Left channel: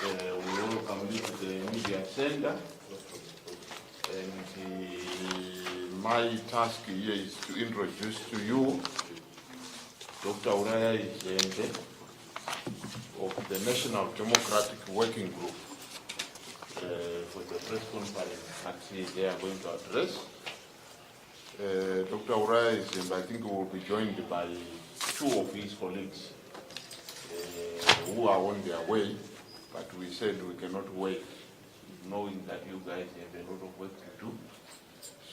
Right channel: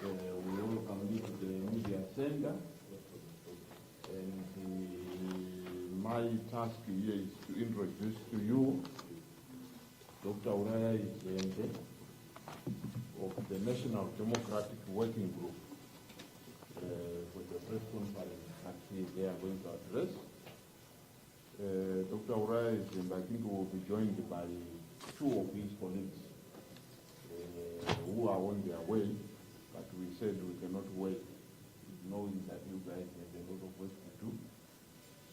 We welcome you to the media center. And my task here is to introduce to you Dr. Uraya Izembe of the National Democratic Working Group for the press conference actually they are going to address. Dr. Uraya Izembe, I think, will be joined by two of his colleagues who are on their way, but we said we cannot wait, knowing that you guys have a lot of work to do.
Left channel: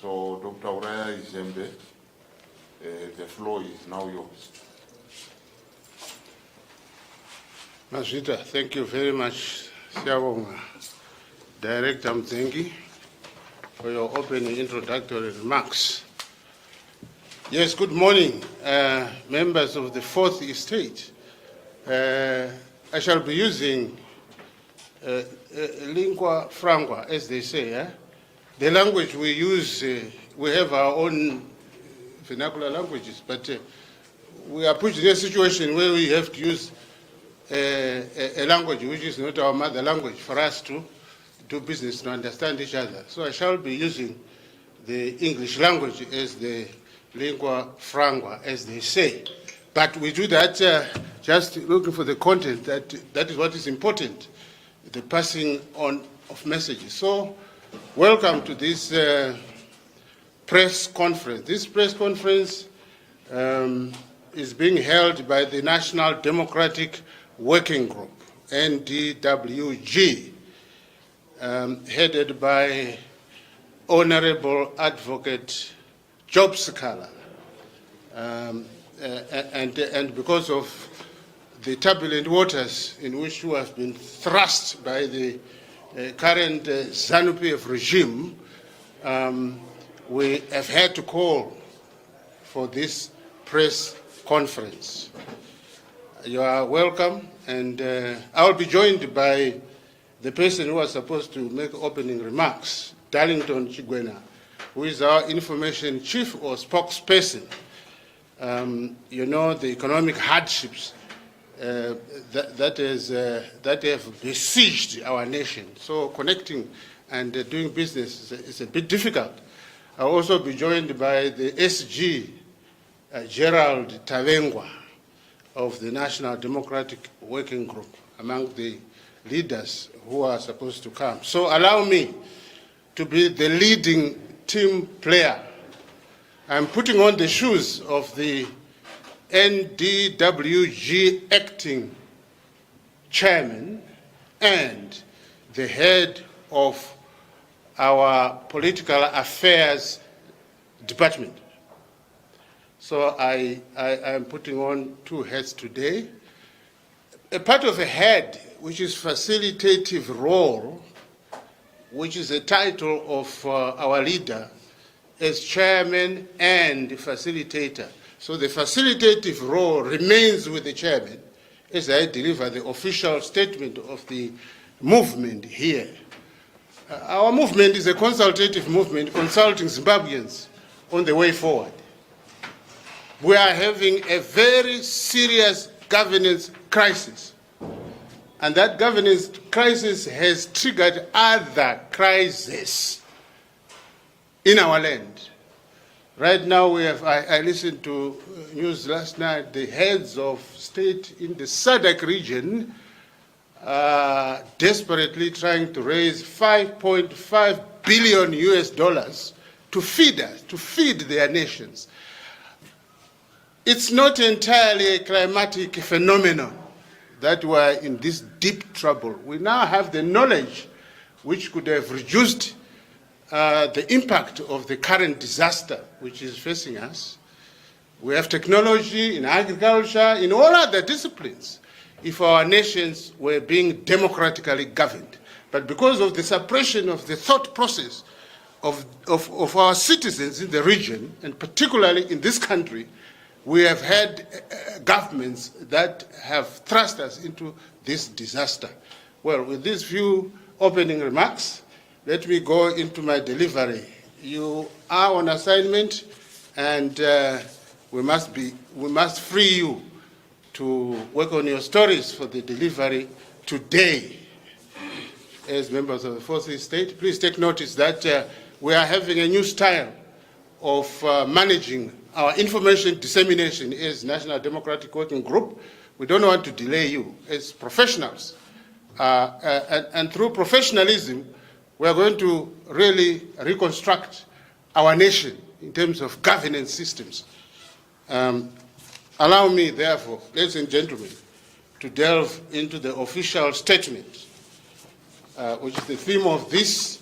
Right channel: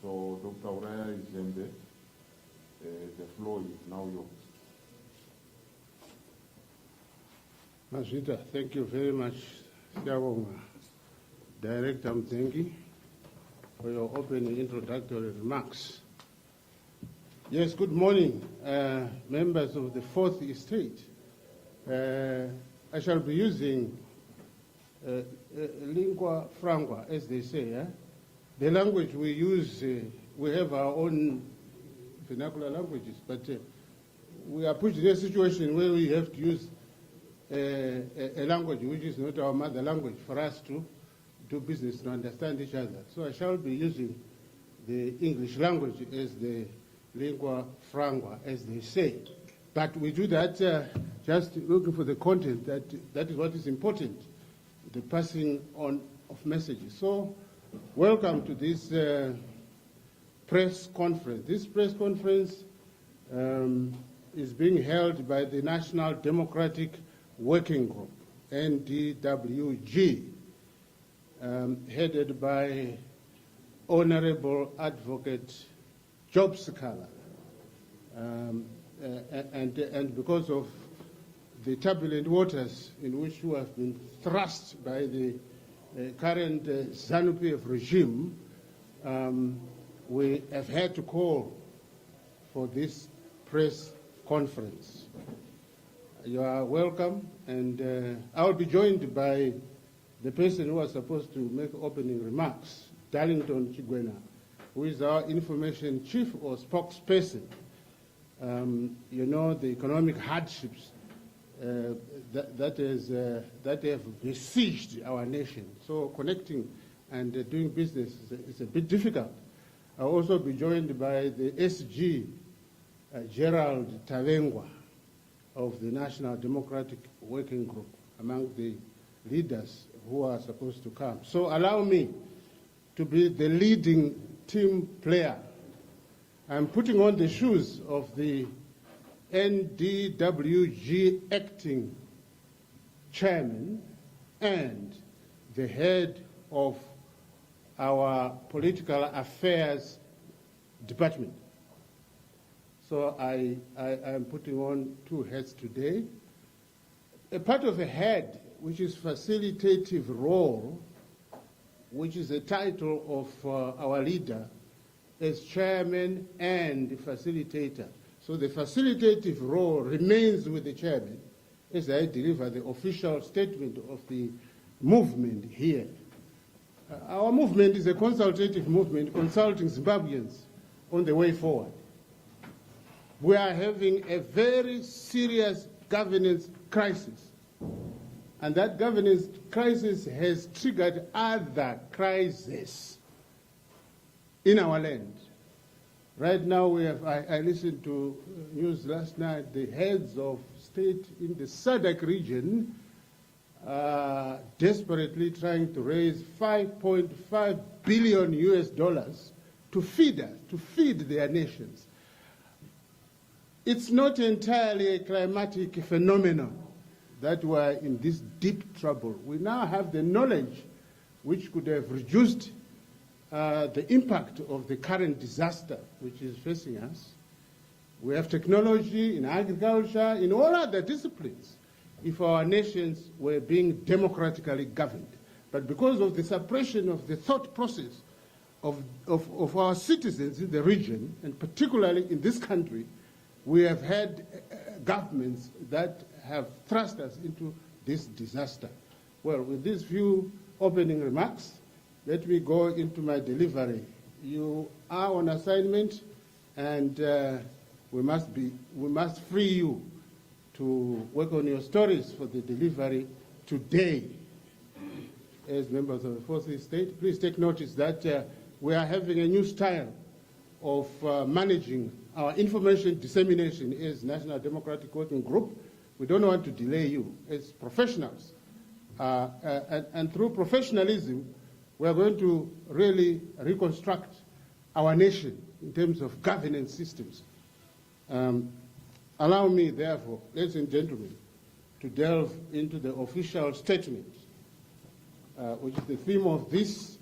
So, Dr. Uraya Izembe, the floor is now yours. Masvita, thank you very much, Siyabonga. Director Mzengi, for your opening introductory remarks. Yes, good morning, members of the Fourth Estate. I shall be using lingua franca, as they say. The language we use, we have our own vernacular languages, but we are put in a situation where we have to use a language which is not our mother language for us to do business, to understand each other. So I shall be using the English language as the lingua franca, as they say. But we do that just looking for the content. That is what is important, the passing on of messages. So, welcome to this press conference. This press conference is being held by the National Democratic Working Group, NDWG, headed by Honorable Advocate Job Sikhala. And because of the turbulent waters in which we have been thrust by the current ZANU-PF regime, we have had to call for this press conference. You are welcome, and I will be joined by the person who was supposed to make opening remarks, Darlington Chigwena, who is our information chief or spokesperson. You know, the economic hardships that have besieged our nation. So connecting and doing business is a bit difficult. I'll also be joined by the SG, Gerald Tavengwa, of the National Democratic Working Group, among the leaders who are supposed to come. So allow me to be the leading team player. I'm putting on the shoes of the NDWG acting chairman and the head of our political affairs department. So I am putting on two heads today. A part of a head, which is facilitative role, which is a title of our leader as chairman and facilitator. So the facilitative role remains with the chairman as I deliver the official statement of the movement here. Our movement is a consultative movement consulting Zimbabweans on the way forward. We are having a very serious governance crisis. And that governance crisis has triggered other crises in our land. Right now, we have, I listened to news last night, the heads of state in the SADC region are desperately trying to raise $5.5 billion to feed us, to feed their nations. It's not entirely a climatic phenomenon that we're in this deep trouble. We now have the knowledge which could have reduced the impact of the current disaster which is facing us. We have technology in agriculture, in all other disciplines, if our nations were being democratically governed. But because of the suppression of the thought process of our citizens in the region, and particularly in this country, we have had governments that have thrust us into this disaster. Well, with these few opening remarks, let me go into my delivery. You are on assignment, and we must free you to work on your stories for the delivery today. as members of the Fourth Estate. Please take notice that we are having a new style of managing our information dissemination as National Democratic Working Group. We don't want to delay you as professionals. And through professionalism, we are going to really reconstruct our nation in terms of governance systems. Allow me, therefore, ladies and gentlemen, to delve into the official statement, which is the theme of this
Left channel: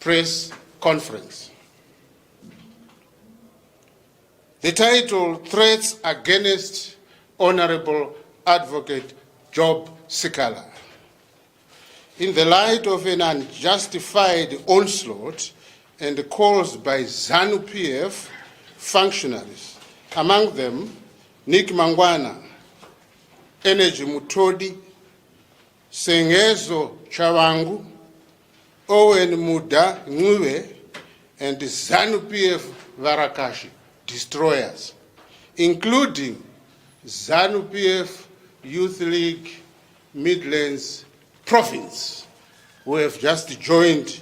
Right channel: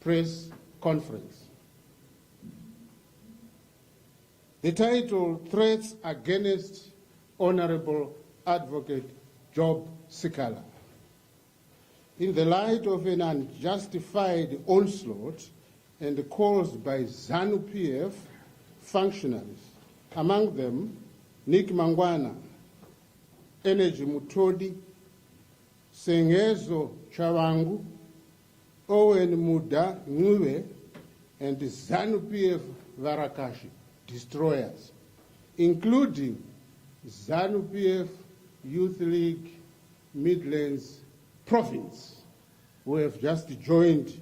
press conference. The title, Threats Against Honorable Advocate Job Sikhala. In the light of an unjustified onslaught and calls by ZANU-PF functionaries, among them Nick Mangwana, Energy Mutodi, Sengezo Chawangu, Owen Muda Ngwe, and the ZANU-PF Varakashi destroyers, including ZANU-PF Youth League Midlands Province, who have just joined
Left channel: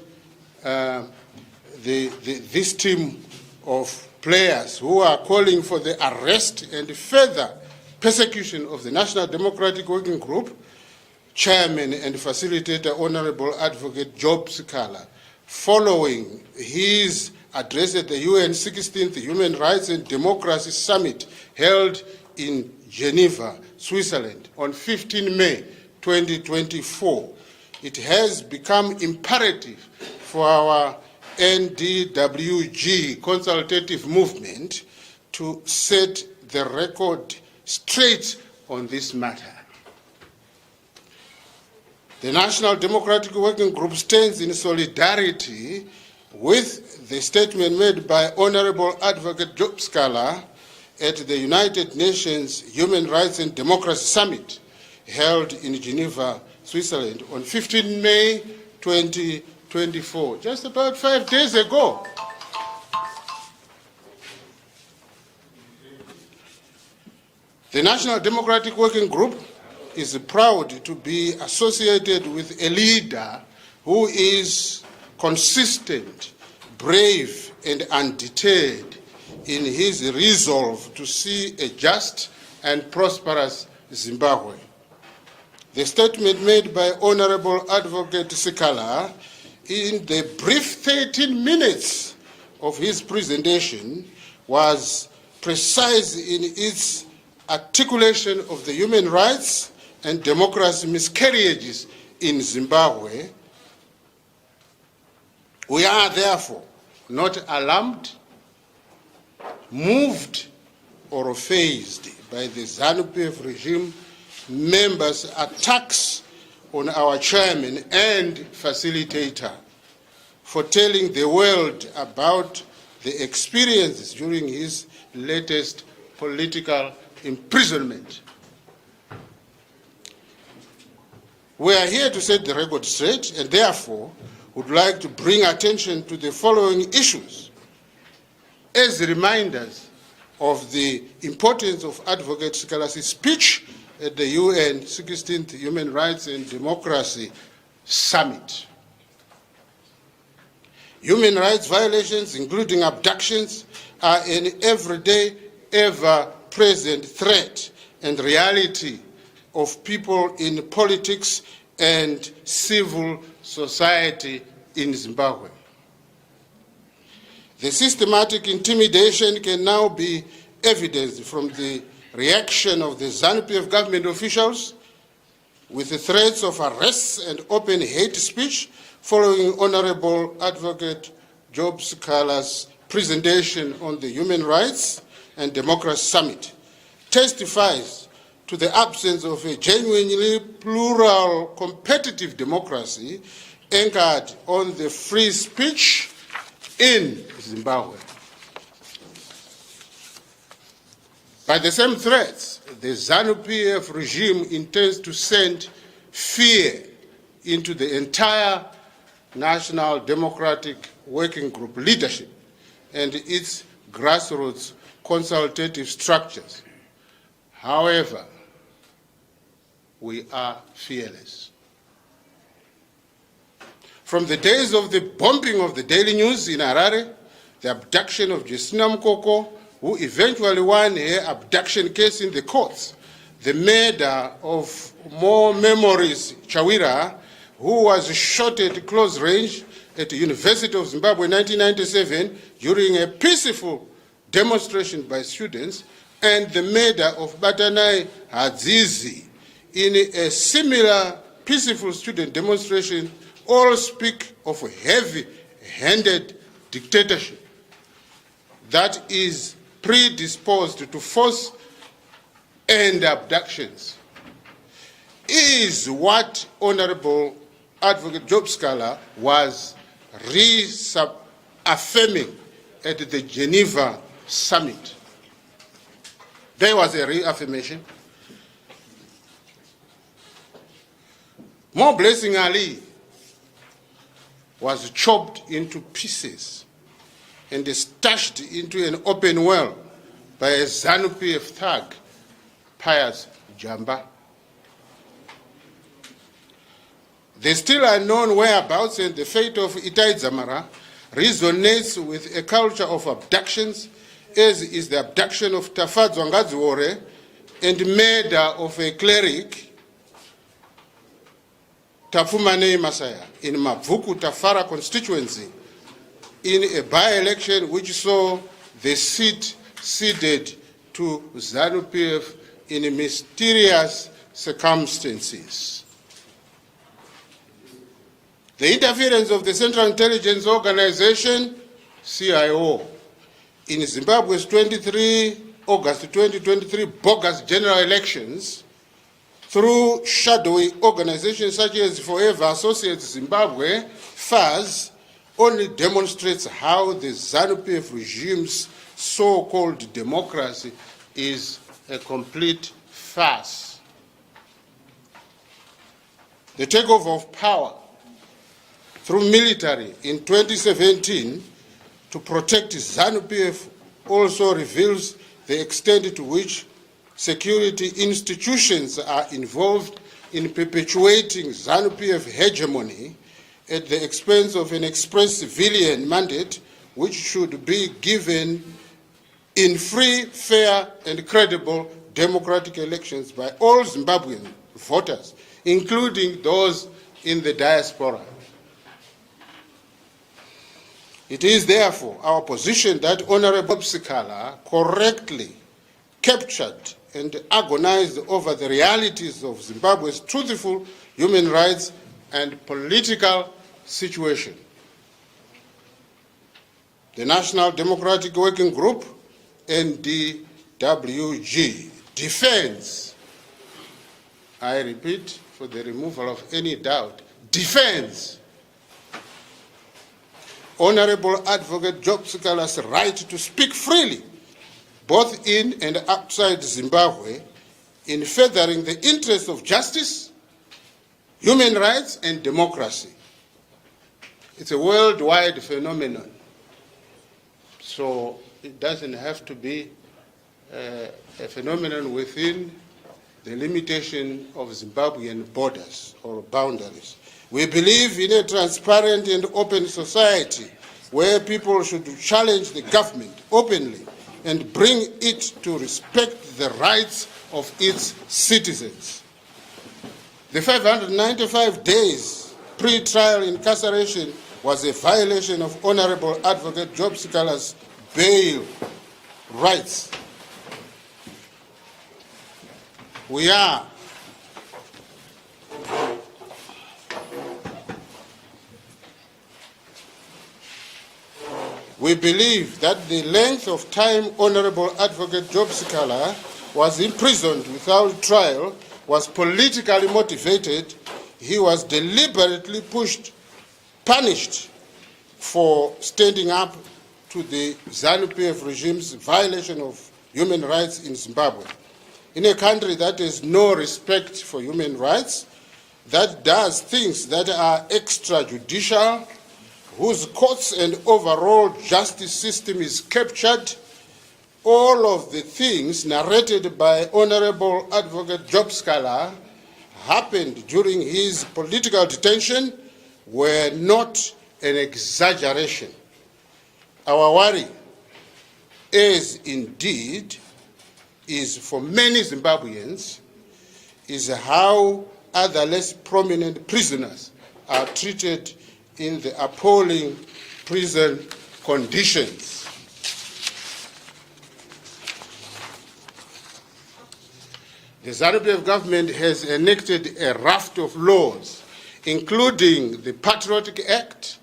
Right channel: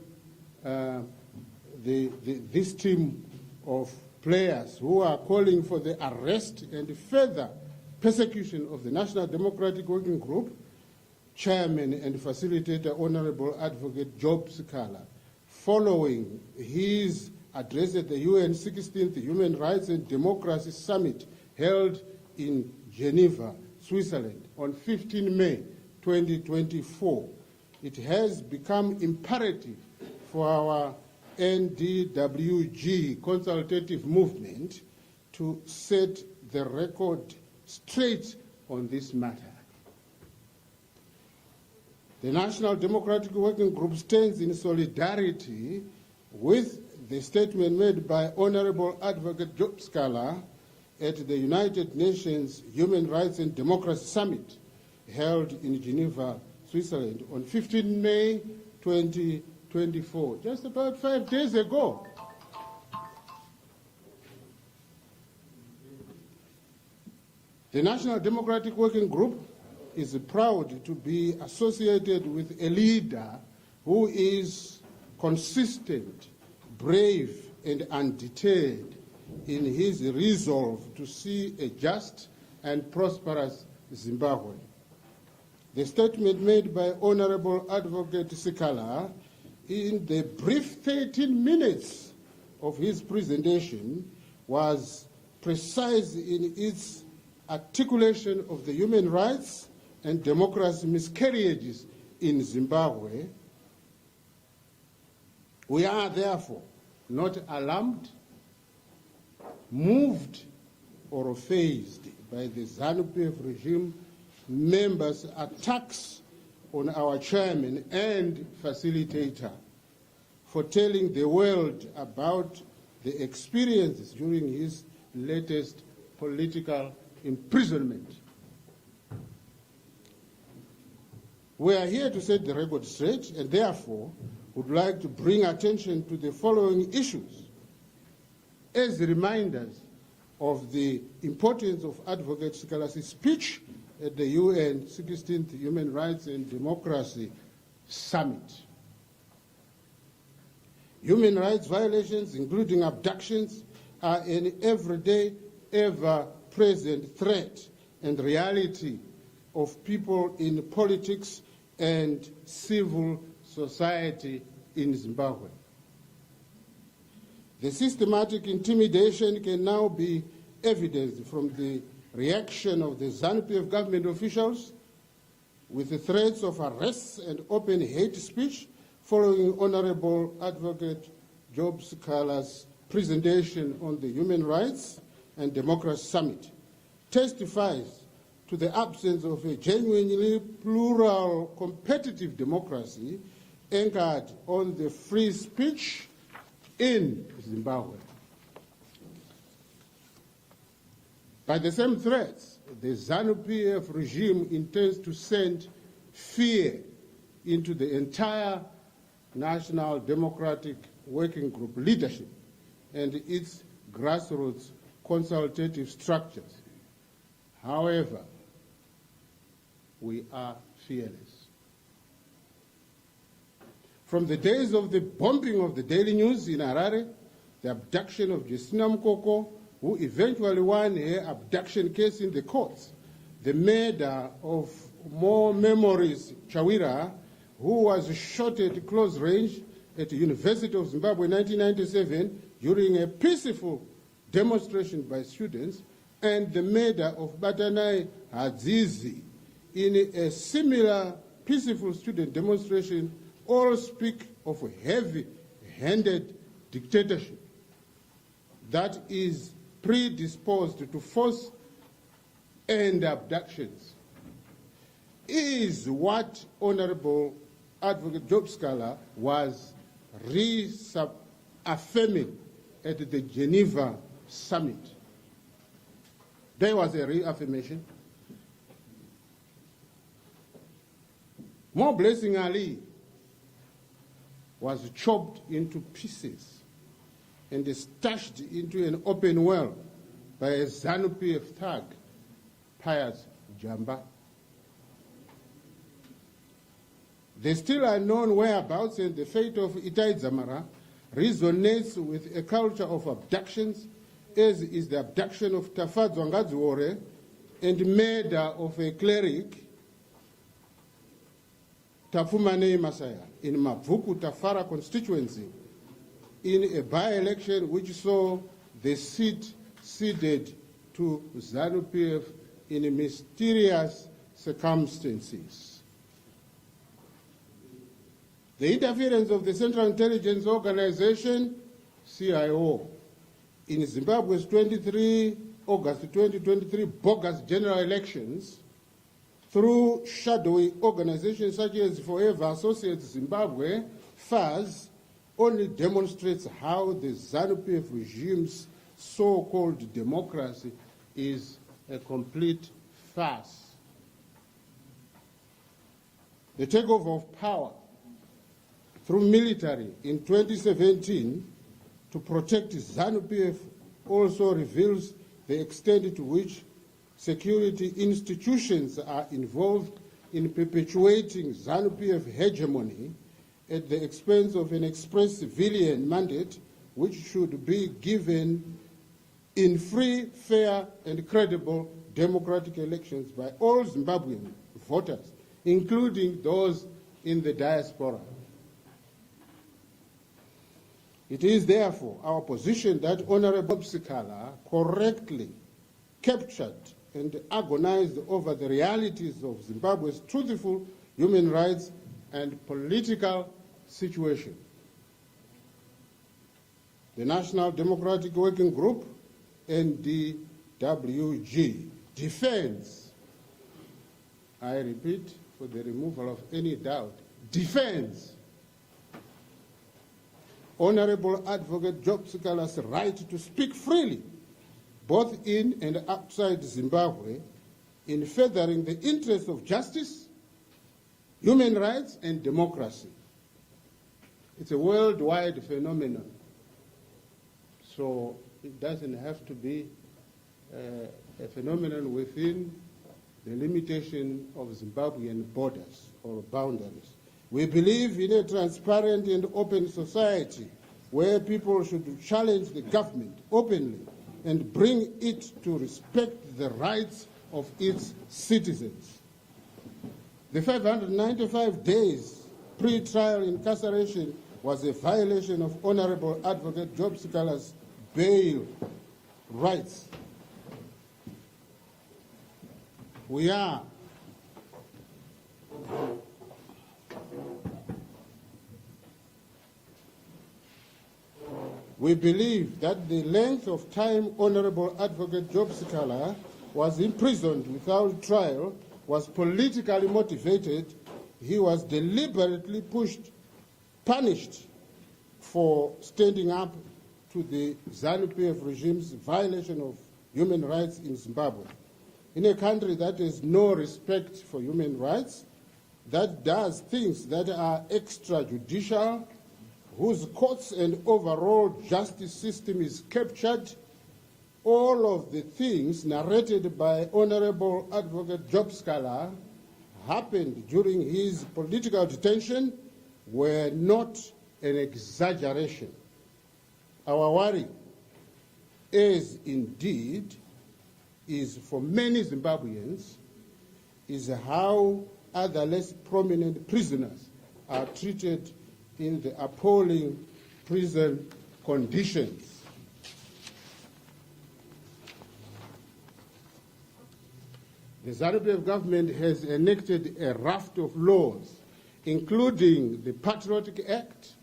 this team of players who are calling for the arrest and further persecution of the National Democratic Working Group Chairman and Facilitator Honorable Advocate Job Sikhala, following his address at the UN 16th Human Rights and Democracy Summit held in Geneva, Switzerland on 15 May 2024. It has become imperative for our NDWG consultative movement to set the record straight on this matter. The National Democratic Working Group stands in solidarity with the statement made by Honorable Advocate Job Sikhala at the United Nations Human Rights and Democracy Summit held in Geneva, Switzerland on 15 May 2024, just about 5 days ago. The National Democratic Working Group is proud to be associated with a leader who is consistent, brave, and undeterred in his resolve to see a just and prosperous Zimbabwe. The statement made by Honorable Advocate Sikhala in the brief 13 minutes of his presentation was precise in its articulation of the human rights and democracy miscarriages in Zimbabwe. We are therefore not alarmed, moved, or fazed by the ZANU-PF regime members' attacks on our chairman and facilitator for telling the world about the experiences during his latest political imprisonment. We are here to set the record straight and therefore would like to bring attention to the following issues as reminders of the importance of Advocate Sikhala's speech at the UN 16th Human Rights and Democracy Summit. Human rights violations, including abductions, are an everyday, ever-present threat and reality of people in politics and civil society in Zimbabwe. The systematic intimidation can now be evidenced from the reaction of the ZANU-PF government officials with the threats of arrests and open hate speech following Honorable Advocate Job Sikhala's presentation on the Human Rights and Democracy Summit, testifies to the absence of a genuinely plural, competitive democracy anchored on the free speech in Zimbabwe. By the same threats, the ZANU-PF regime intends to send fear into the entire National Democratic Working Group leadership and its grassroots consultative structures. However, we are fearless. from the days of the bombing of the Daily News in Harare, the abduction of Justina Mukoko, who eventually won her abduction case in the courts, the murder of More Memories Chawira, who was shot at close range at the University of Zimbabwe in 1997 during a peaceful demonstration by students, and the murder of Batanai Hadzizi in a similar peaceful student demonstration, all speak of a heavy-handed dictatorship that is predisposed to force and abductions. Is what Honorable Advocate Job Sikhala was reaffirming at the Geneva summit. There was a reaffirmation. More Blessing Ali was chopped into pieces and stashed into an open well by a ZANU-PF thug, Pius Jamba. The still unknown whereabouts and the fate of Itai Dzamara resonates with a culture of abductions, as is the abduction of Tafadzwa Ngadziwore and murder of a cleric, Tafumane Masaya, in Mavuku Tafara constituency, in a by-election which saw the seat ceded to ZANU-PF in mysterious circumstances. The interference of the Central Intelligence Organization, CIO, in Zimbabwe's August 2023 bogus general elections through shadowy organizations such as Forever Associates Zimbabwe, FAZ, only demonstrates how the ZANU-PF regime's so-called democracy is a complete farce. The takeover of power through military in 2017 to protect ZANU-PF also reveals the extent to which security institutions are involved in perpetuating ZANU-PF hegemony at the expense of an express civilian mandate which should be given in free, fair, and credible democratic elections by all Zimbabwean voters, including those in the diaspora. It is therefore our position that Honorable Sikhala correctly captured and agonized over the realities of Zimbabwe's truthful human rights and political situation. The National Democratic Working Group, NDWG, defends, I repeat for the removal of any doubt, defends Honorable Advocate Job Sikhala's right to speak freely, both in and outside Zimbabwe, in furthering the interests of justice, human rights, and democracy. It's a worldwide phenomenon, so it doesn't have to be a phenomenon within the limitation of Zimbabwean borders or boundaries. We believe in a transparent and open society where people should challenge the government openly and bring it to respect the rights of its citizens. The 595 days pre-trial incarceration was a violation of Honorable Advocate Job Sikhala's bail rights. We believe that the length of time Honorable Advocate Job Sikhala was imprisoned without trial was politically motivated. He was deliberately punished for standing up to the ZANU-PF regime's violation of human rights in Zimbabwe. In a country that has no respect for human rights, that does things that are extrajudicial, whose courts and overall justice system is captured, all of the things narrated by Honorable Advocate Job Sikhala happened during his political detention were not an exaggeration. Our worry, as indeed is for many Zimbabweans, is how other less prominent prisoners are treated in the appalling prison conditions. The ZANU-PF government has enacted a raft of laws, including the Patriotic Act,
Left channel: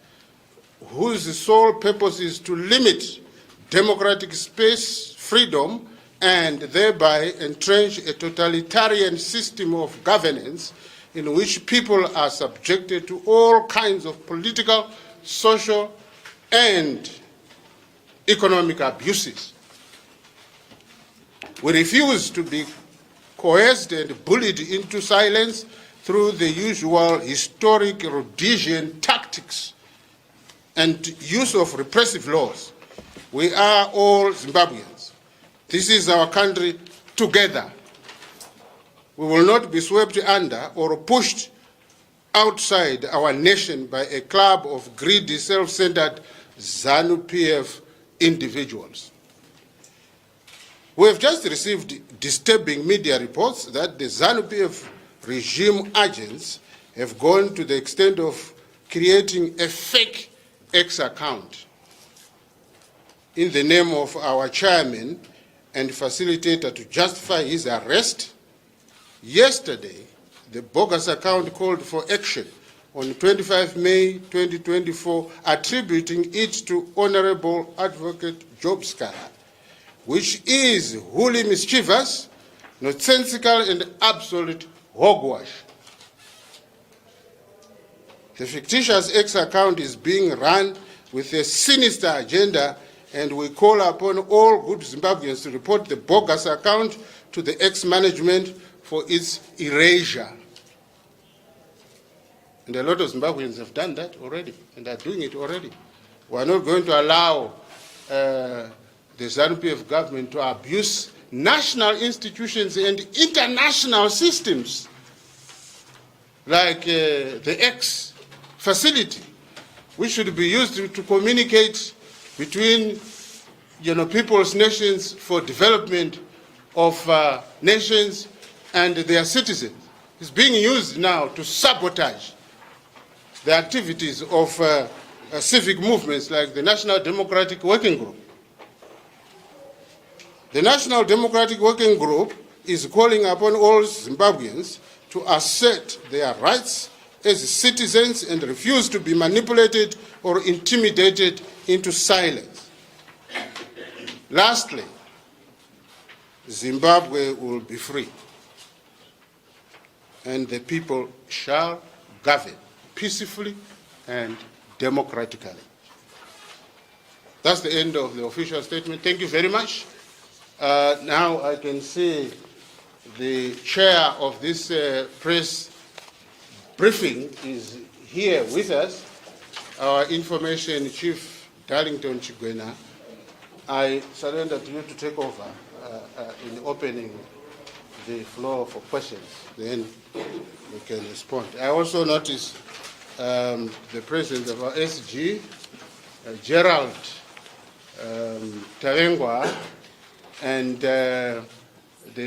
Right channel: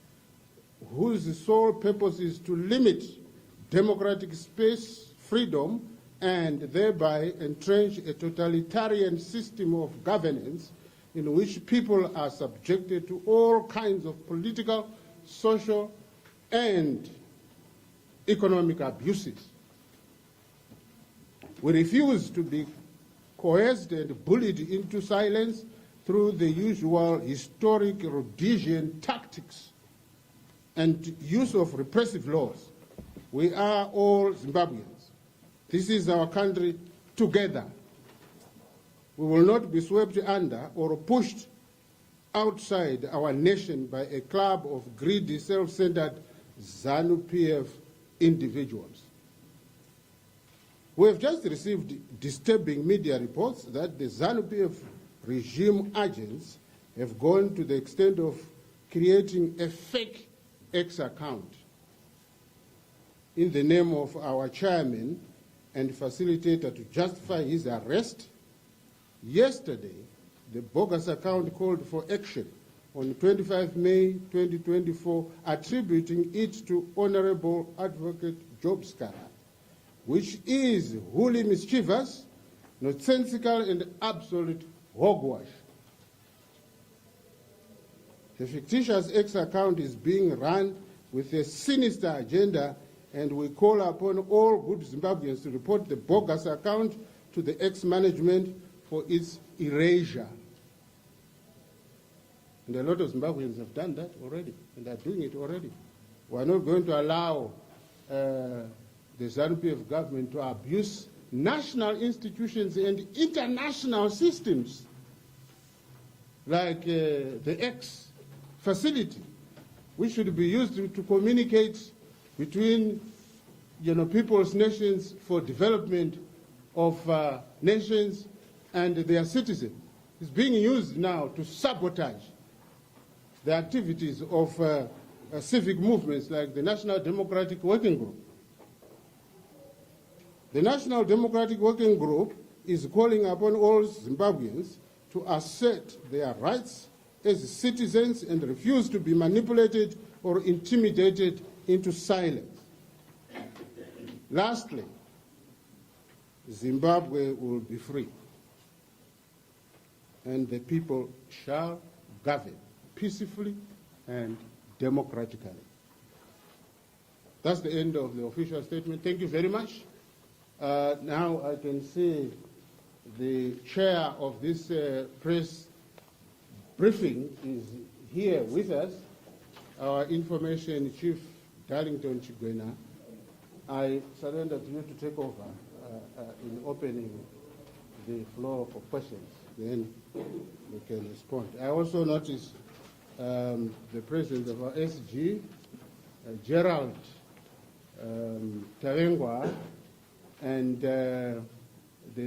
whose sole purpose is to limit democratic space, freedom, and thereby entrench a totalitarian system of governance in which people are subjected to all kinds of political, social, and economic abuses. We refuse to be coerced and bullied into silence through the usual historic Rhodesian tactics and use of repressive laws. We are all Zimbabweans. This is our country together. We will not be swept under or pushed outside our nation by a club of greedy, self-centered ZANU-PF individuals. We have just received disturbing media reports that the ZANU-PF regime agents have gone to the extent of creating a fake X account in the name of our chairman and facilitator to justify his arrest. Yesterday, the bogus account called for action on 25 May 2024, attributing it to Honorable Advocate Job Sikhala, which is wholly mischievous, nonsensical, and absolute hogwash. The fictitious X account is being run with a sinister agenda, and we call upon all good Zimbabweans to report the bogus account to the X management for its erasure. And a lot of Zimbabweans have done that already, and are doing it already. We are not going to allow the ZANU-PF government to abuse national institutions and international systems like the X facility, which should be used to communicate between people's nations for development of nations and their citizens. It's being used now to sabotage the activities of civic movements like the National Democratic Working Group. The National Democratic Working Group is calling upon all Zimbabweans to assert their rights as citizens and refuse to be manipulated or intimidated into silence. Lastly, Zimbabwe will be free, and the people shall govern peacefully and democratically. That's the end of the official statement. Thank you very much. Now I can see the chair of this press briefing is here with us, our information chief, Darlington Chigwena. I surrender to you to take over in opening the floor for questions. Then we can respond. I also noticed the president of our SG, Gerald Tavengwa, and the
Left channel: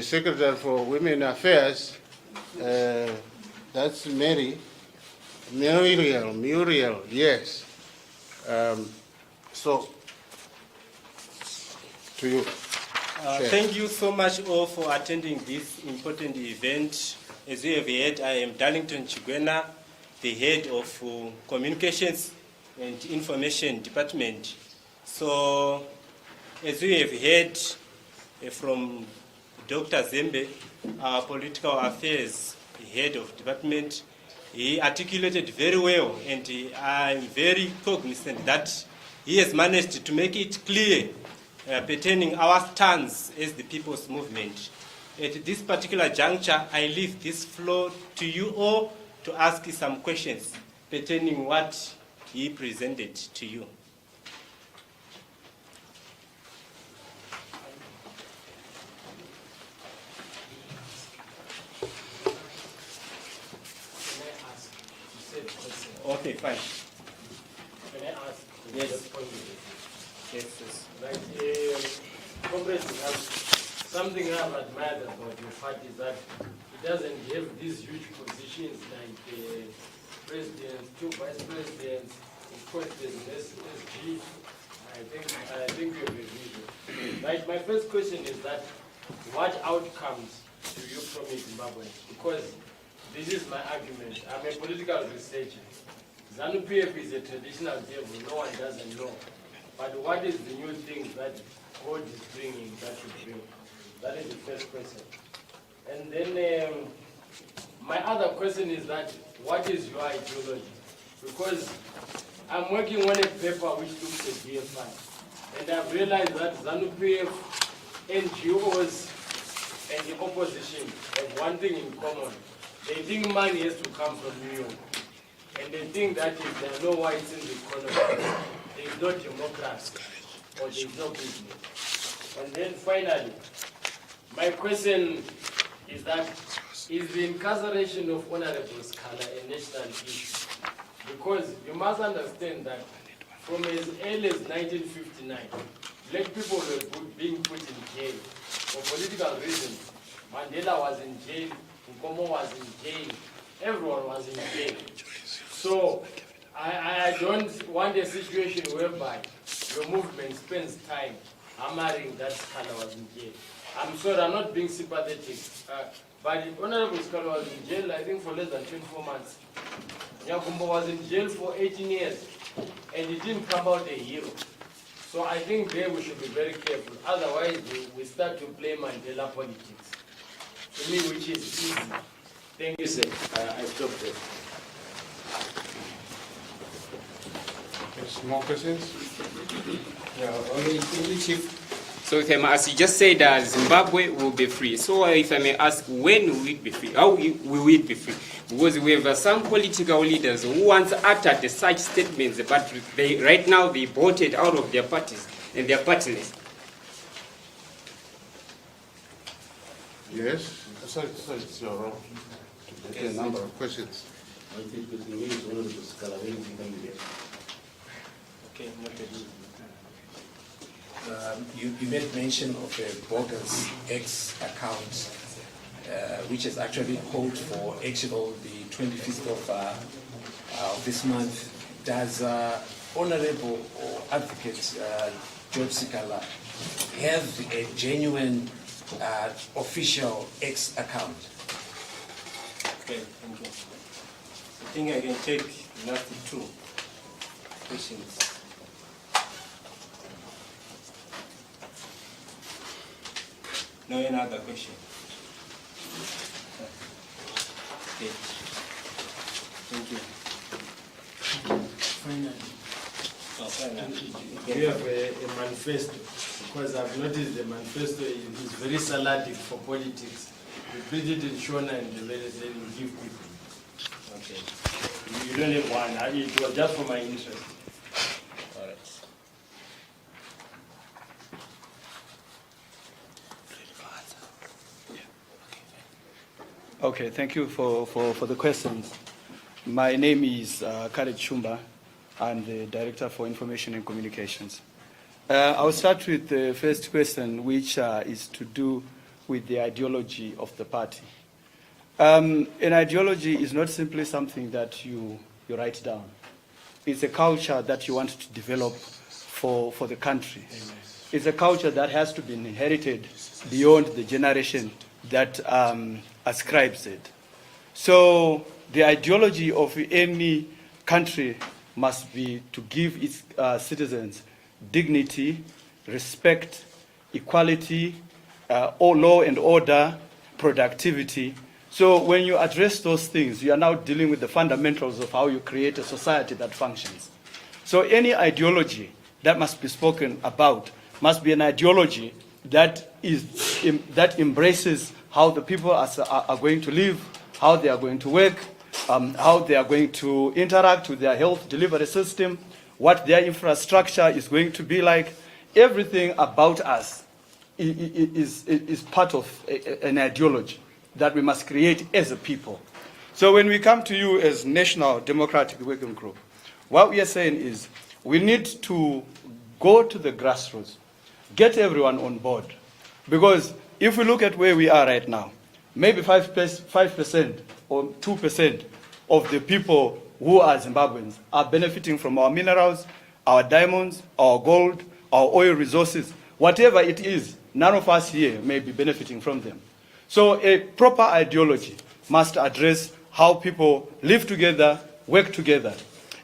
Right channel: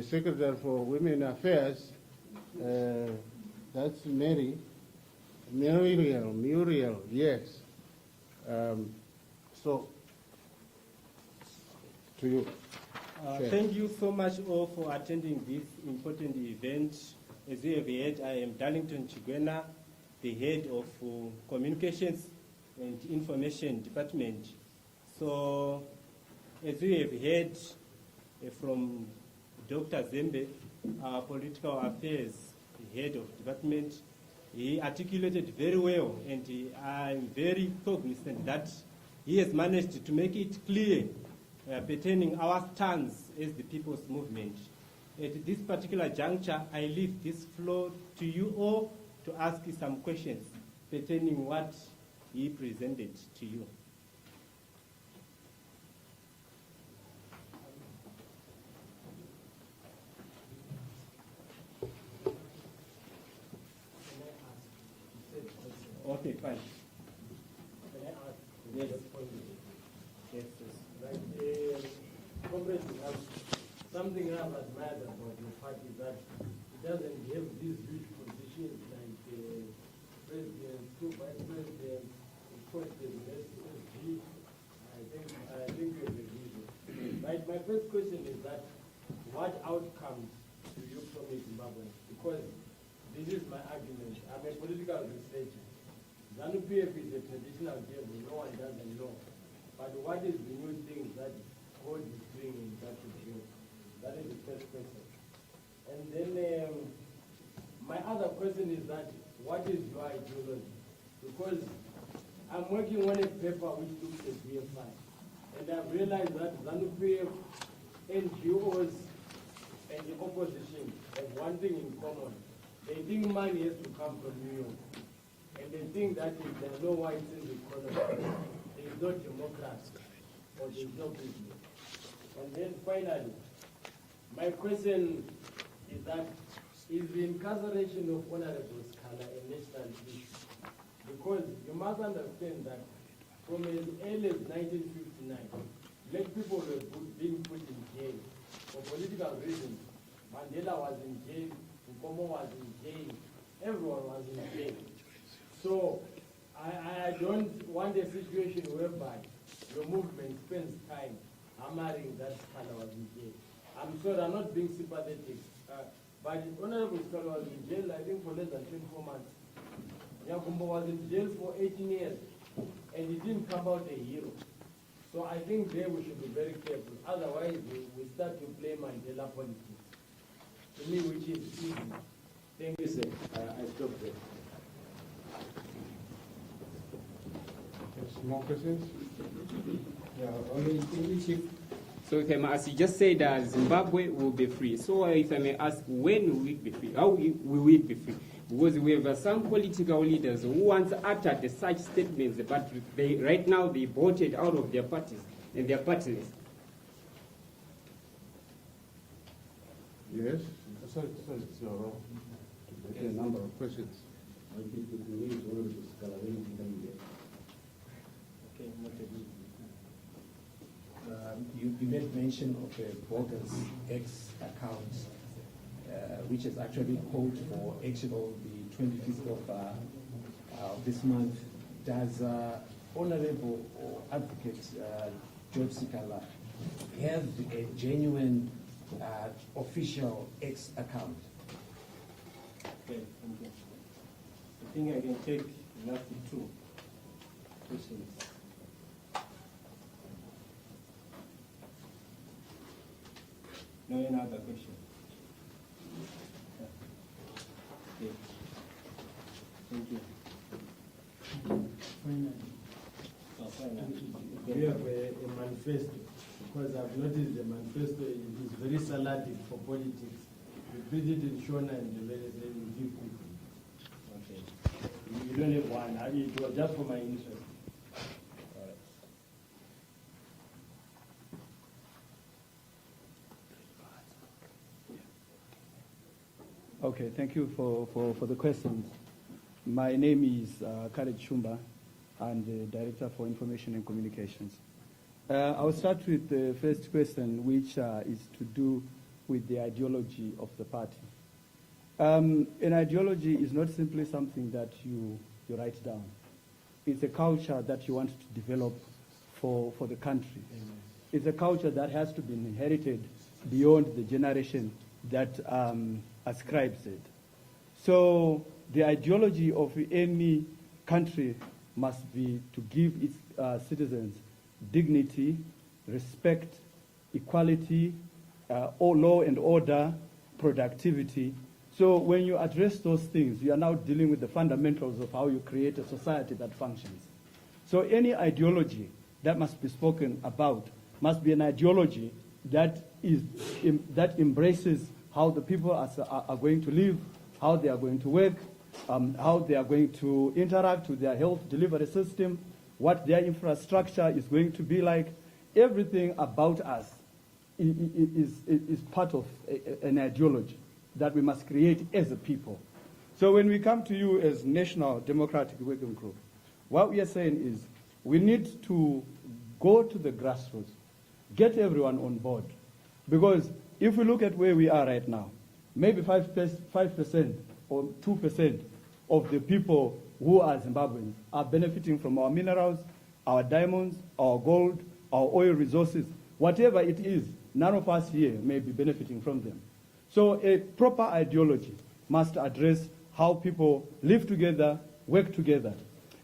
Secretary for Women Affairs, that's Muriel, yes. So, to you. Thank you so much all for attending this important event. As you have heard, I am Darlington Chigwena, the head of Communications and Information Department. So, as you have heard from Dr. Zembe, our Political Affairs head of department, he articulated very well, and I'm very cognizant that he has managed to make it clear pertaining our stance as the People's Movement. At this particular juncture, I leave this floor to you all to ask some questions pertaining what he presented to you. Okay, fine. Can I ask? Yes. Just point it. Yes, yes. Like, comrades, something I've admired about your party is that it doesn't have these huge positions like president, 2 vice presidents, of course there's SG. I think you have a vision. Right, my first question is that what outcomes do you promise Zimbabwe? Because this is my argument. I'm a political researcher. ZANU-PF is a traditional devil, no one doesn't know. But what is the new thing that God is bringing that should bring? That is the first question. And then my other question is that what is your ideology? Because I'm working on a paper which looks at DFI. And I've realized that ZANU-PF, NGOs, and the opposition have one thing in common. They think money has to come from New York. And they think that if there are no whites in the economy, there is no democracy, or there is no business. And then finally, my question is that, is the incarceration of Hon Advocate Sikhala a national issue? Because you must understand that from as early as 1959, black people were being put in jail for political reasons. Mandela was in jail, Nkomo was in jail, everyone was in jail. So I don't want a situation whereby your movement spends time hammering that Sikhala was in jail. I'm sorry, I'm not being sympathetic, but the Honorable Scola was in jail, I think, for less than 24 months. Nyakumbo was in jail for 18 years, and he didn't come out a hero. So I think there we should be very careful. Otherwise, we start to play Mandela politics. To me, which is easy. Thank you, sir. I stop there. Yes, more questions? Yeah, only Chief. So if I may ask, you just said that Zimbabwe will be free. So if I may ask, when will it be free? How will it be free? Because we have some political leaders who once uttered such statements, but right now they voted out of their parties and they are partiless. Yes? So it's your role to get a number of questions. I think the thing is, one of the Scola, when is he coming here? Okay, noted. You made mention of a bogus X account, which is actually called for actual the 25th of this month. Does Honorable or Advocate Job Sikhala have a genuine official X account? Okay, thank you. I think I can take the last 2 questions. No any other question? Okay. Thank you. Finally, Oh, finally. you have a manifesto, because I've noticed the manifesto is very salatic for politics. You print it in Shona and the very then you give people. Okay. You don't have one. It was just for my interest. All right. Okay, thank you for the questions. My name is Khaled Shumba. I'm the Director for Information and Communications. I'll start with the first question, which is to do with the ideology of the party. An ideology is not simply something that you write down. It's a culture that you want to develop for the country. It's a culture that has to be inherited beyond the generation that ascribes it. So the ideology of any country must be to give its citizens dignity, respect, equality, law and order, productivity. So when you address those things, you are now dealing with the fundamentals of how you create a society that functions. So any ideology that must be spoken about must be an ideology that embraces how the people are going to live, how they are going to work, how they are going to interact with their health delivery system, what their infrastructure is going to be like. Everything about us is part of an ideology that we must create as a people. So when we come to you as National Democratic Working Group, what we are saying is we need to go to the grassroots, get everyone on board. Because if we look at where we are right now, maybe 5% or 2% of the people who are Zimbabweans are benefiting from our minerals, our diamonds, our gold, our oil resources. Whatever it is, none of us here may be benefiting from them. So a proper ideology must address how people live together, work together.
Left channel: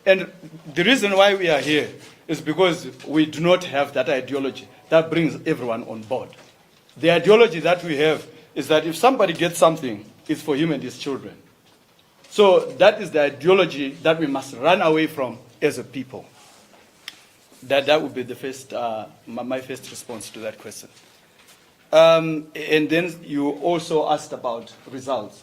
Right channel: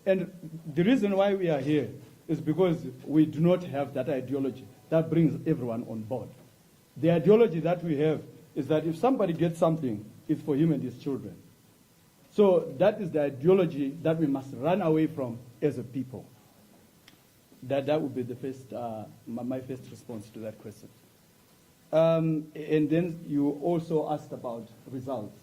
And the reason why we are here is because we do not have that ideology that brings everyone on board. The ideology that we have is that if somebody gets something, it's for him and his children. So that is the ideology that we must run away from as a people. That would be the first, my first response to that question. And then you also asked about results.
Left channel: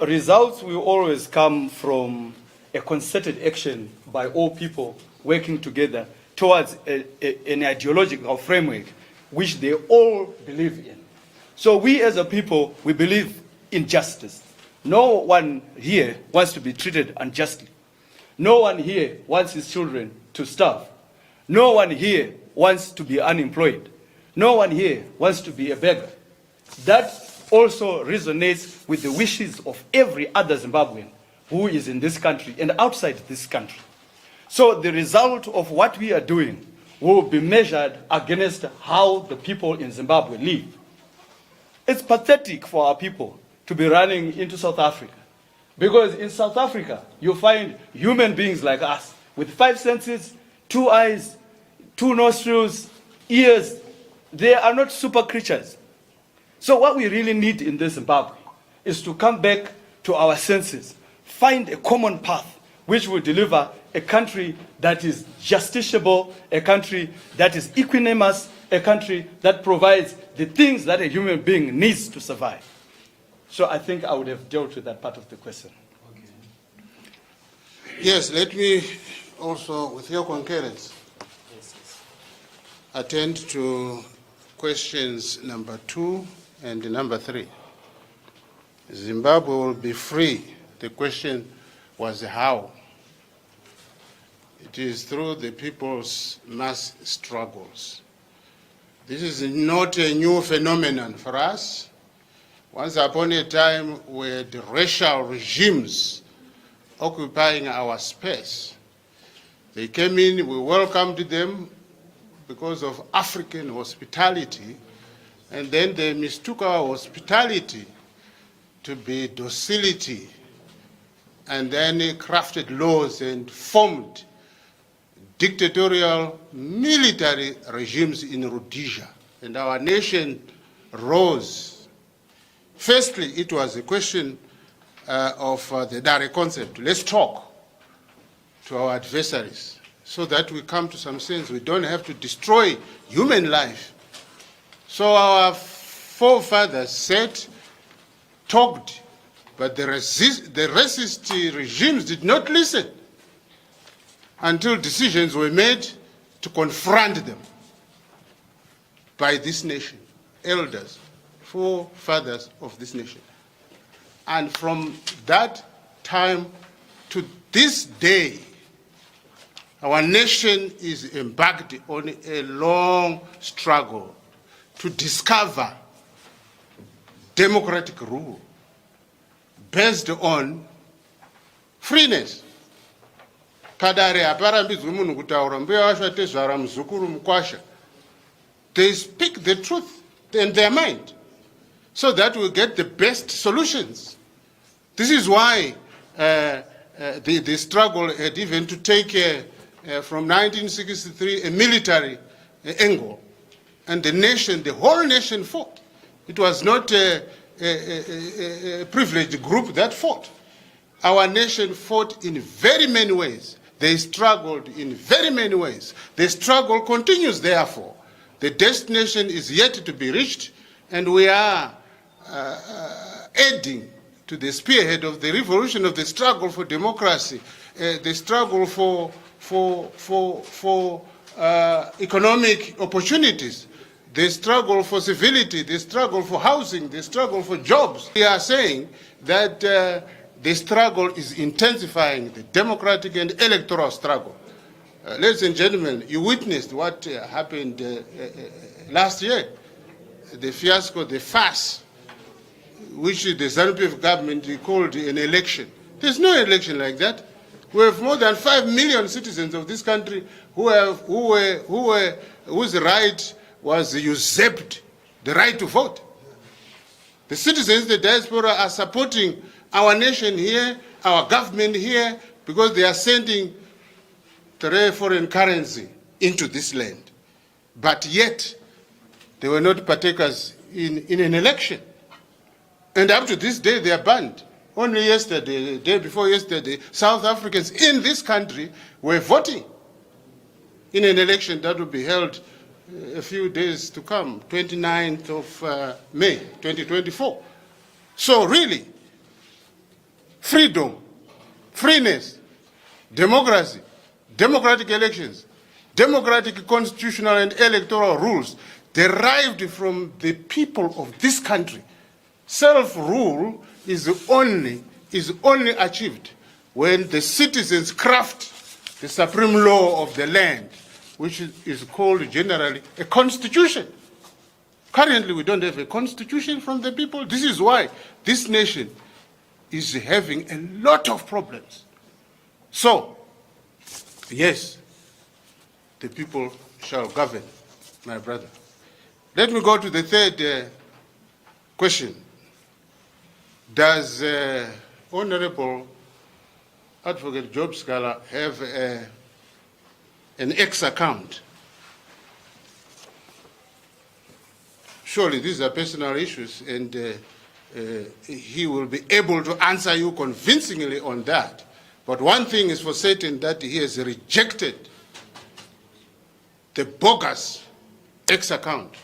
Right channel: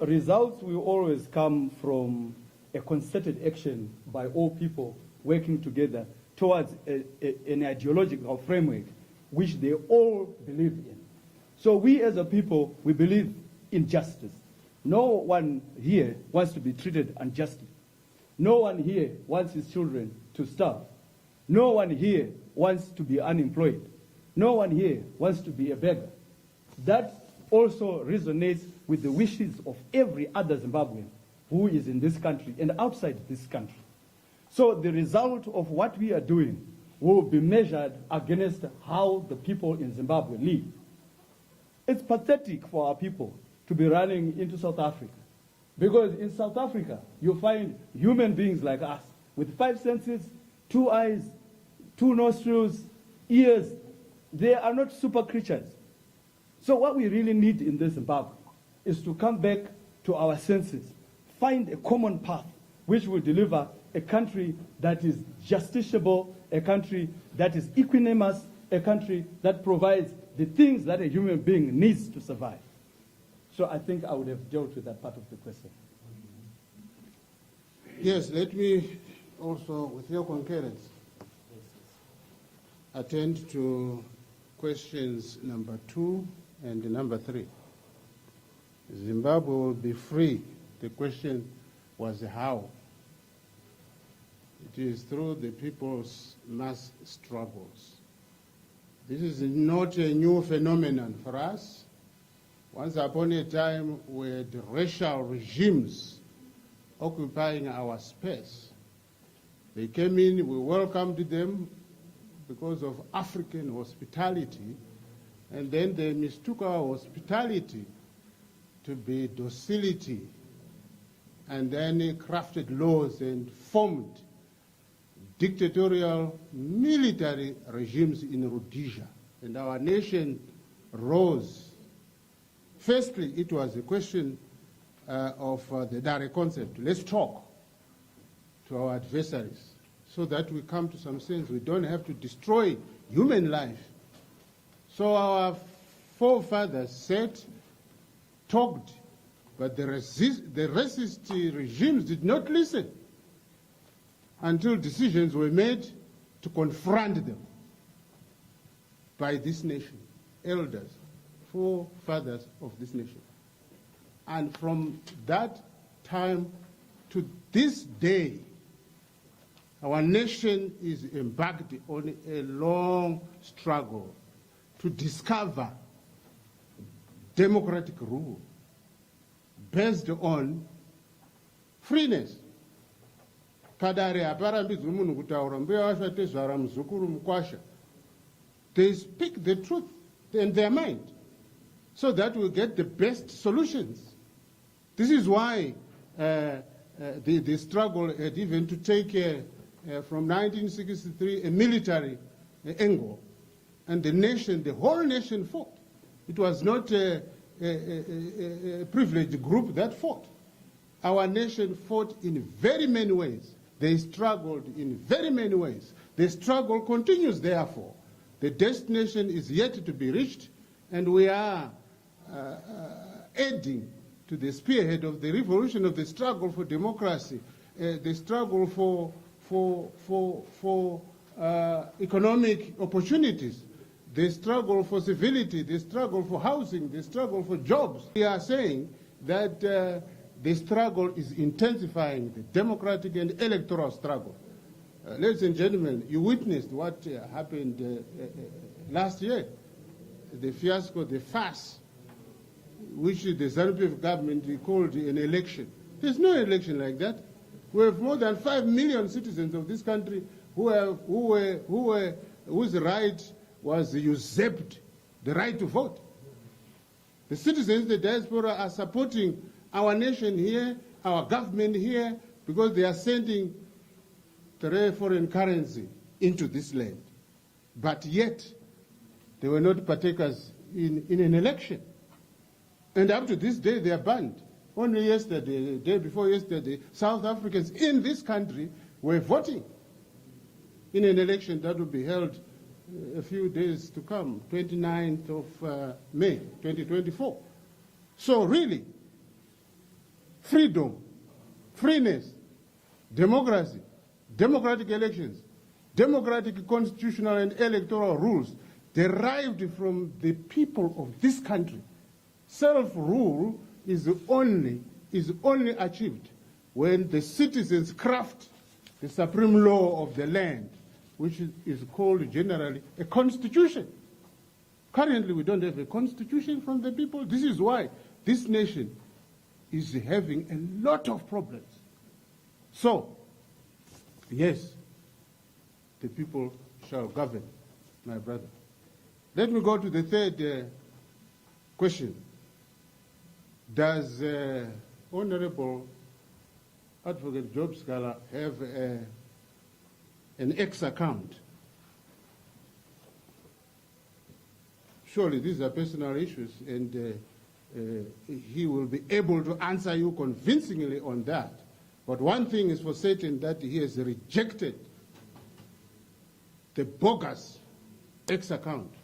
Results will always come from a concerted action by all people working together towards an ideological framework which they all believe in. So we as a people, we believe in justice. No one here wants to be treated unjustly. No one here wants his children to starve. No one here wants to be unemployed. No one here wants to be a beggar. That also resonates with the wishes of every other Zimbabwean who is in this country and outside this country. So the result of what we are doing will be measured against how the people in Zimbabwe live. It's pathetic for our people to be running into South Africa, because in South Africa you find human beings like us with 5 senses, 2 eyes, 2 nostrils, ears. They are not super creatures. So what we really need in this Zimbabwe is to come back to our senses, find a common path which will deliver a country that is justiciable, a country that is equanimous, a country that provides the things that a human being needs to survive. So I think I would have dealt with that part of the question. Yes, let me also, with your concurrence, attend to questions number 2 and number 3. Zimbabwe will be free. The question was how. It is through the people's mass struggles. This is not a new phenomenon for us. Once upon a time, we had racial regimes occupying our space. They came in, we welcomed them because of African hospitality, and then they mistook our hospitality to be docility, and then they crafted laws and formed dictatorial military regimes in Rhodesia, and our nation rose. Firstly, it was a question of the direct concept. Let's talk to our adversaries so that we come to some sense. We don't have to destroy human life. So our forefathers sat, talked, but the racist regimes did not listen until decisions were made to confront them by this nation, elders, forefathers of this nation. And from that time to this day, our nation is embarked on a long struggle to discover democratic rule based on freeness. Kadare haparambidzwi munhu kutaura mbuya wacho atezvara muzukuru mukwasha. They speak the truth in their mind so that we get the best solutions. This is why the struggle had even to take from 1963 a military angle, and the whole nation fought. It was not a privileged group that fought. Our nation fought in very many ways. They struggled in very many ways. The struggle continues, therefore. The destination is yet to be reached, and we are adding to the spearhead of the revolution of the struggle for democracy, the struggle for economic opportunities, the struggle for civility, the struggle for housing, the struggle for jobs. We are saying that the struggle is intensifying, the democratic and electoral struggle. Ladies and gentlemen, you witnessed what happened last year, the fiasco, the farce, which the ZANU-PF government called an election. There's no election like that. We have more than 5 million citizens of this country whose right was usurped, the right to vote. The citizens, the diaspora, are supporting our nation here, our government here, because they are sending foreign currency into this land. But yet, they were not partakers in an election. And up to this day, they are banned. Only yesterday, the day before yesterday, South Africans in this country were voting in an election that will be held a few days to come, 29th of May, 2024. So really, freedom, freeness, democracy, democratic elections, democratic constitutional and electoral rules derived from the people of this country. Self-rule is only achieved when the citizens craft the supreme law of the land, which is called generally a constitution. Currently, we don't have a constitution from the people. This is why this nation is having a lot of problems. So, yes, the people shall govern, my brother. Let me go to the third question. Does Honorable Advocate Job Sikhala have an X account? Surely these are personal issues, and he will be able to answer you convincingly on that. But one thing is for certain, that he has rejected the bogus X account,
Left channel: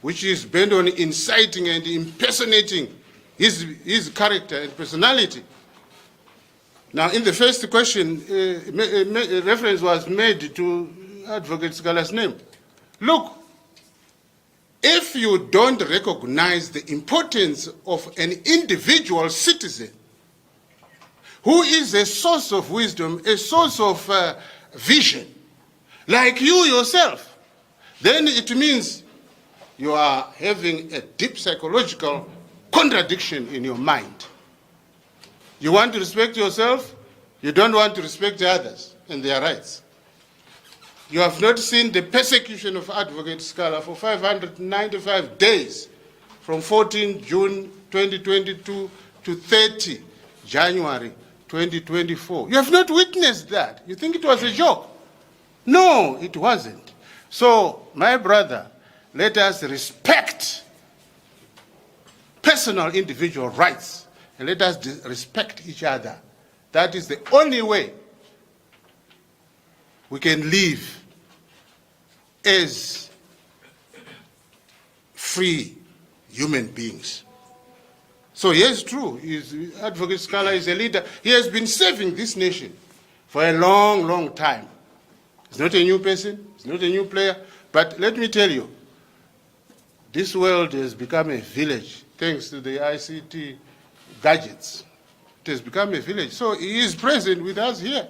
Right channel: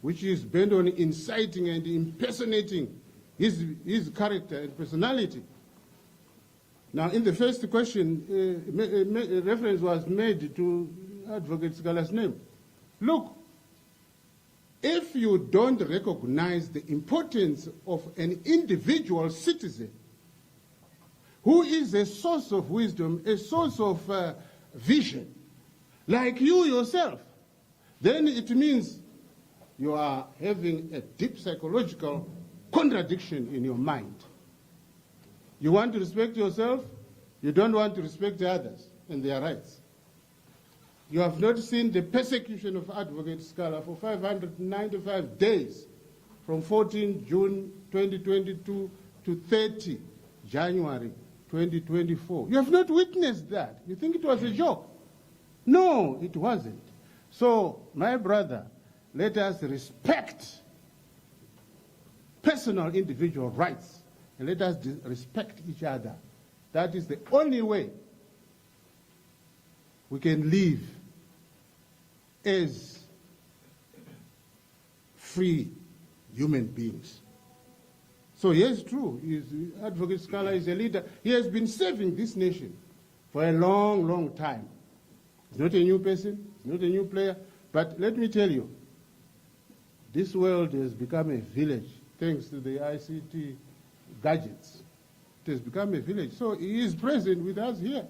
which is bent on inciting and impersonating his character and personality. Now, in the first question, reference was made to Advocate Sikhala's name. Look, if you don't recognize the importance of an individual citizen who is a source of wisdom, a source of vision, like you yourself, then it means you are having a deep psychological contradiction in your mind. You want to respect yourself, you don't want to respect others and their rights. You have not seen the persecution of Advocate Sikhala for 595 days, from 14 June 2022 to 30 January 2024. You have not witnessed that. You think it was a joke? No, it wasn't. So, my brother, let us respect personal individual rights, and let us respect each other. That is the only way we can live as free human beings. So yes, true, Advocate Sikhala is a leader. He has been serving this nation for a long, long time. He's not a new person, he's not a new player, but let me tell you, this world has become a village thanks to the ICT gadgets. It has become a village. So he is present with us here.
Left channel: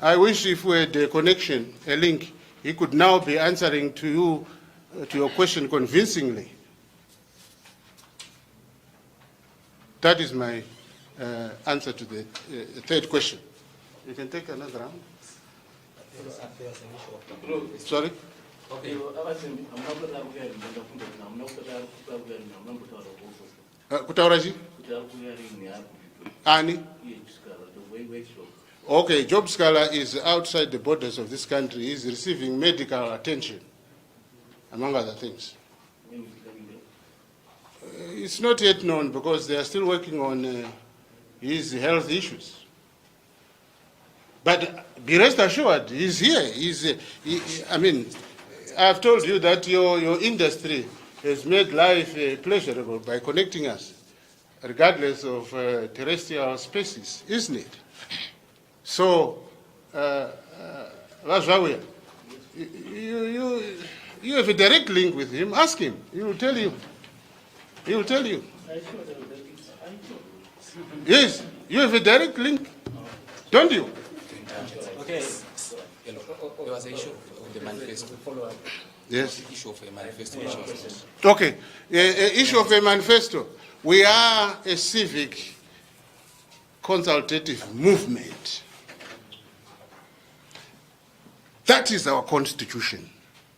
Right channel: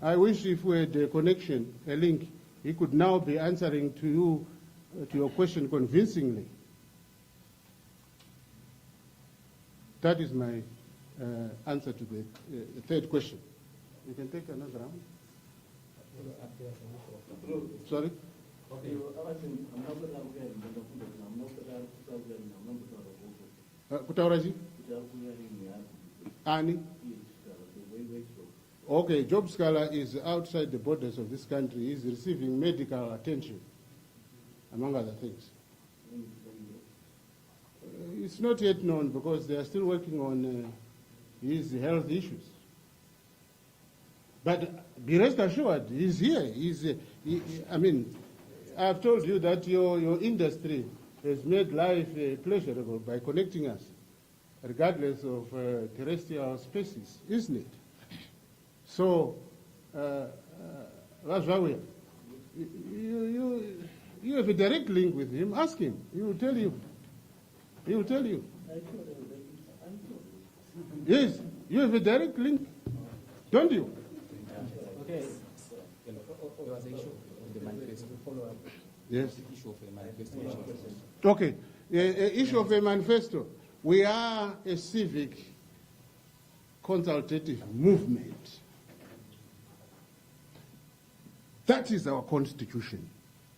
I wish if we had a connection, a link, he could now be answering to you, to your question convincingly. That is my answer to the third question. You can take another round. Sorry? Okay, Kutauraji? Ani? Okay, Job Sikhala is outside the borders of this country. He is receiving medical attention, among other things. It's not yet known because they are still working on his health issues. But be rest assured, he's here. I mean, I've told you that your industry has made life pleasurable by connecting us, regardless of terrestrial species, isn't it? So, that's why You have a direct link with him. Ask him. He will tell you. He will tell you. Yes, you have a direct link, don't you? Okay. There was an issue of the manifesto. Yes. Issue of a manifesto. Okay. Issue of a manifesto. We are a civic consultative movement. That is our constitution.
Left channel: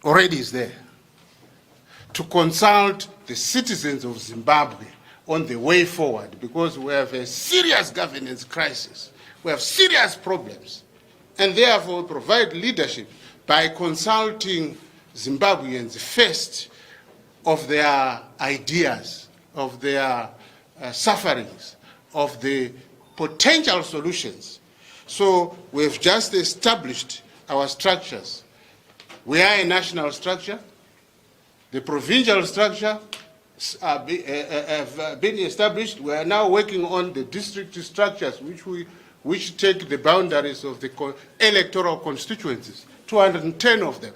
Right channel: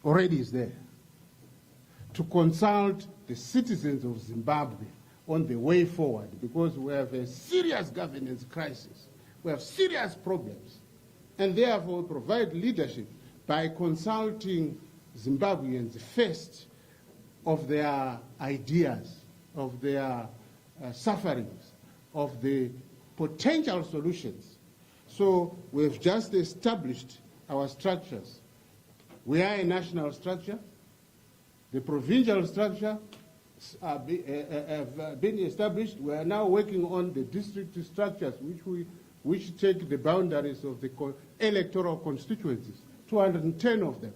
Already is there. To consult the citizens of Zimbabwe on the way forward, because we have a serious governance crisis. We have serious problems. And therefore provide leadership by consulting Zimbabweans first of their ideas, of their sufferings, of the potential solutions. So we've just established our structures. We are a national structure. The provincial structure have been established. We are now working on the district structures, which take the boundaries of the electoral constituencies, 210 of them.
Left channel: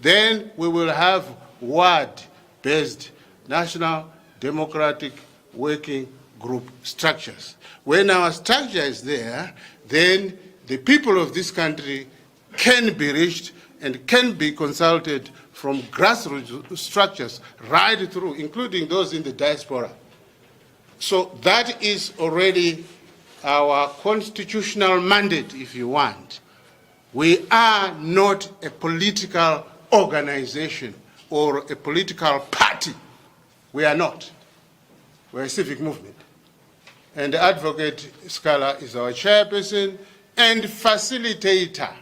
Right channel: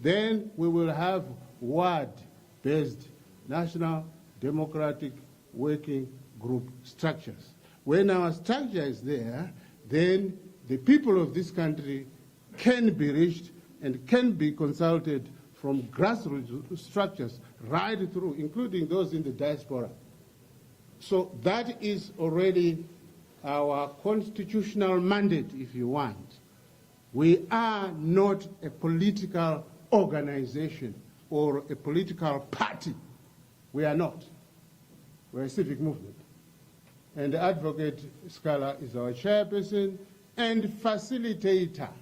Then we will have ward-based national democratic working group structures. When our structure is there, then the people of this country can be reached and can be consulted from grassroots structures right through, including those in the diaspora. So that is already our constitutional mandate, if you want. We are not a political organization or a political party. We are not. We're a civic movement. And Advocate Sikhala is our chairperson and facilitator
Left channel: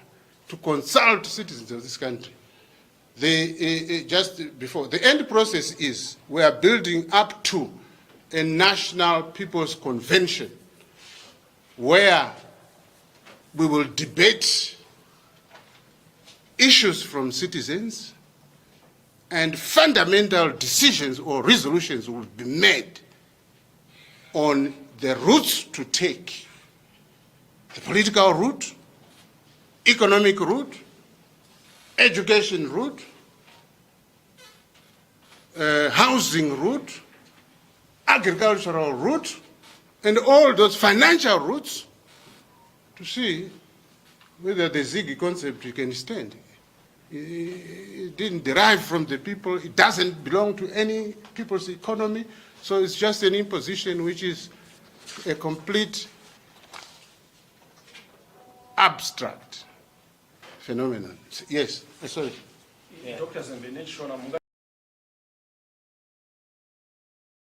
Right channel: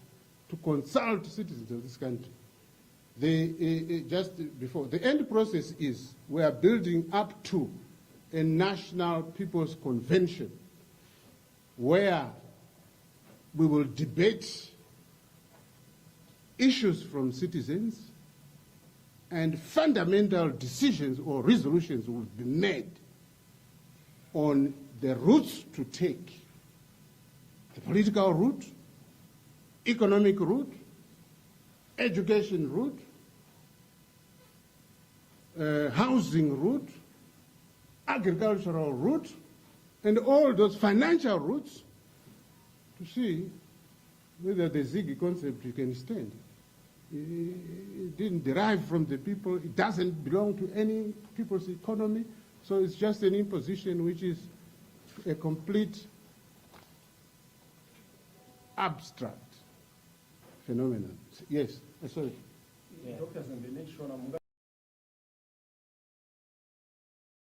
to consult citizens of this country. Just before, the end process is we are building up to a national people's convention where we will debate issues from citizens and fundamental decisions or resolutions will be made on the routes to take, the political route, economic route, education route, housing route, agricultural route, and all those financial routes to see whether the Ziggy concept can stand. It didn't derive from the people. It doesn't belong to any people's economy. So it's just an imposition which is a complete abstract phenomenon. Yes, sorry. Yeah.